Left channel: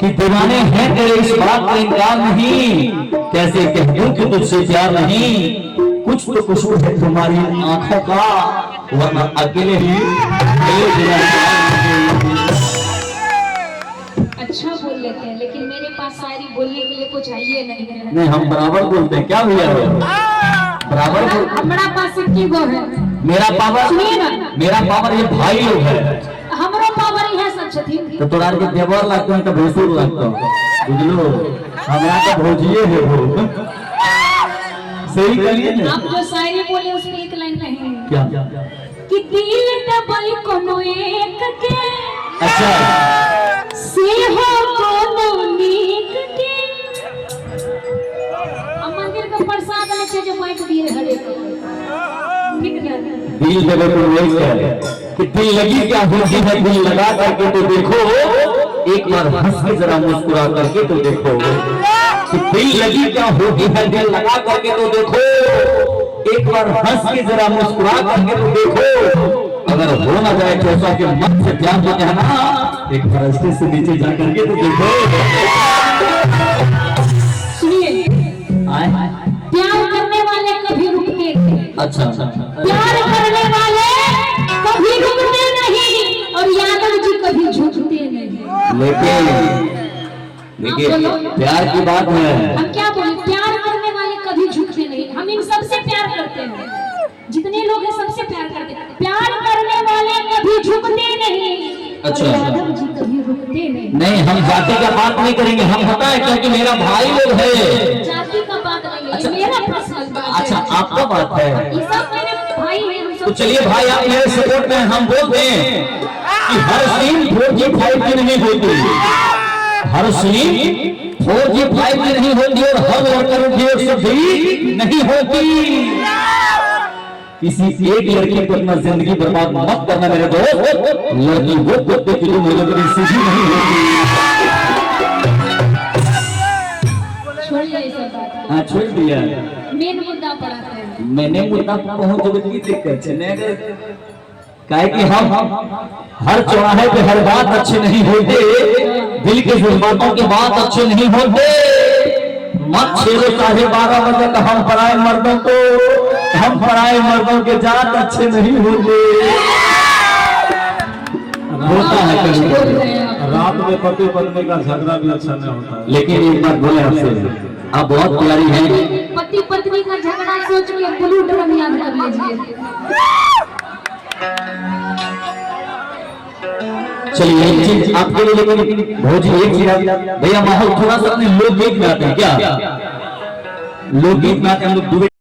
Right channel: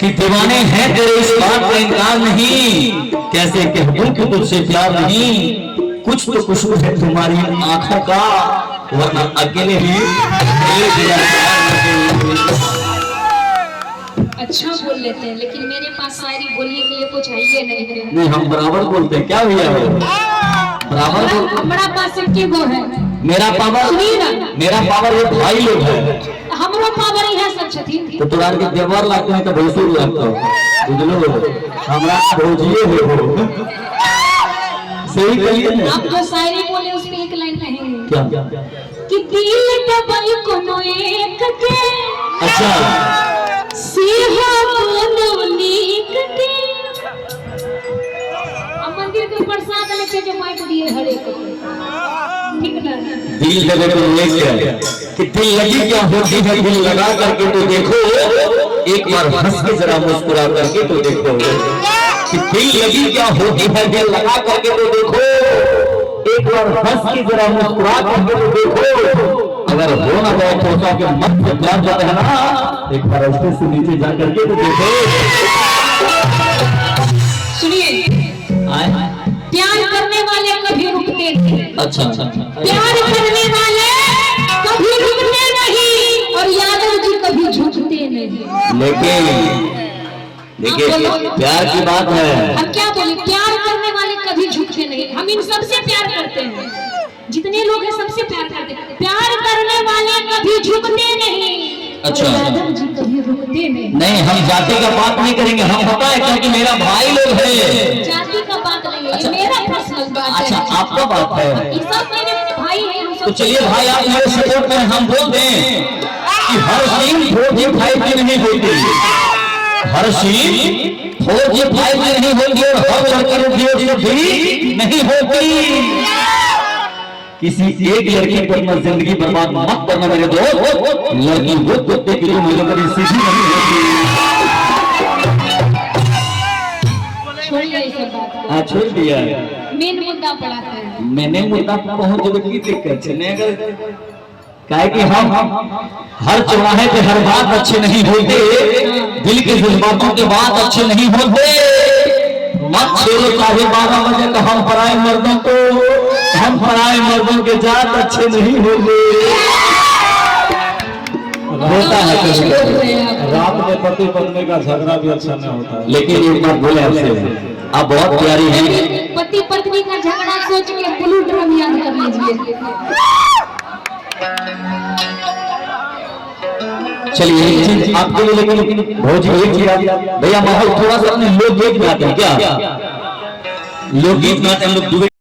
कि दीवाने हैं तेरे इस बात का इनकार नहीं, कैसे कह दूं कि तुझसे प्यार नहीं। कुछ तो कसूर है तुम्हारी आंखों का, वरना अकेले ही अच्छा बोल लेते हैं, लेकिन मेरे पास शायरी बोलने के लिए कुछ आइए नहीं है। नहीं, हम बराबर बोलते हैं। क्या भैया बराबर हमारा पास एक वो है। मेरा पावर सुनिए ना, मेरा पावर ये भाई लोग है। हमारा पावर ही है सब छथिन। तो तोरार के देवर लागते हैं तो भोजपुर लागता है, बुझलो हमरा का भोजिए है वो। सही कहिए ना। आप जो शायरी बोले उस पे एक लाइन कहेंगे क्या कि दिल दबाई कोनो एक के, अच्छा से हो कोनो नीक के। अब मंदिर का प्रसाद लेके जो माइक दिए हरे को ठीक ना। दिल जगह तो लेके कि दिल लगी क्या होती है, दिल लगा करके तो देखो, एक बार हंस के जरा मुस्कुरा करके तो देखो। कि दिल लगी क्या होती है, दिल लगा करके तो देखो, एक बार हंस के जरा मुस्कुरा करके तो देखो। अगर हो ना जाए चौसा के मन से प्यार जो है ना, एक बार ऐसे से नीचे जा करके तो देखो। सुनिए, प्यार करने वाले कभी रुकते नहीं। अच्छा अच्छा प्यार करने वाले कभी रुकते नहीं, और यादव जी कभी झुकते नहीं। लेकिन देखिए प्यार की बात है। हम क्या बोले, प्यार करने वाले कभी झुकते नहीं। हम इन सबसे प्यार करते हैं, जितने लोग हैं सबसे प्यार करते हैं। प्यार करने वाले कभी झुकते नहीं। अच्छा यादव जी कभी रुकते नहीं। नहीं, हम जाति का बात नहीं करेंगे। हम पता है क्योंकि मेरा भाई लोग है। जाति का बात नहीं है, मेरा पर्सनल बात है। अच्छा आपका बात है। ये सब मेरे भाई हैं। तो चलिए भाई आप मेरे सपोर्ट में हम बोल दें कि हर सीन 4G 5G नहीं होती, हर सीन 4G 5G नहीं होती, और हर लड़की उपयोग से भी नहीं होती। किसी एक लड़की पर अपना जिंदगी बर्बाद मत करना मेरे दोस्त। लड़की वो कुत्ते की तुम लोगों की सीधी नहीं होती। हाँ छोड़ दिया। मेन मुद्दा पढ़ाते हैं। मैंने मुद्दा पहुंच जो की दिक्कत है अगर काहे कि हम हर चौराहे पे हर बात अच्छे नहीं होते, दिल के जज्बातों के बात अच्छे नहीं होते। मत छेड़ो चाहे 12 बजे का, हम पराए मर्दों को, हम पराए मर्दों के जात अच्छे नहीं होते। होता है कभी रात में पति पत्नी का झगड़ा भी अच्छा नहीं होता है। लेकिन एक बात बोले आपसे, आप बहुत प्यारी हैं। पति पत्नी का झगड़ा सोच के ब्लू ड्रम याद कर लीजिए। चलिए एक चीज आपके लिए, लेकिन भौजी एक चीज भैया, माहौल थोड़ा सा लोकगीत में आते हैं क्या? लोकगीत में आते हैं हम लोग।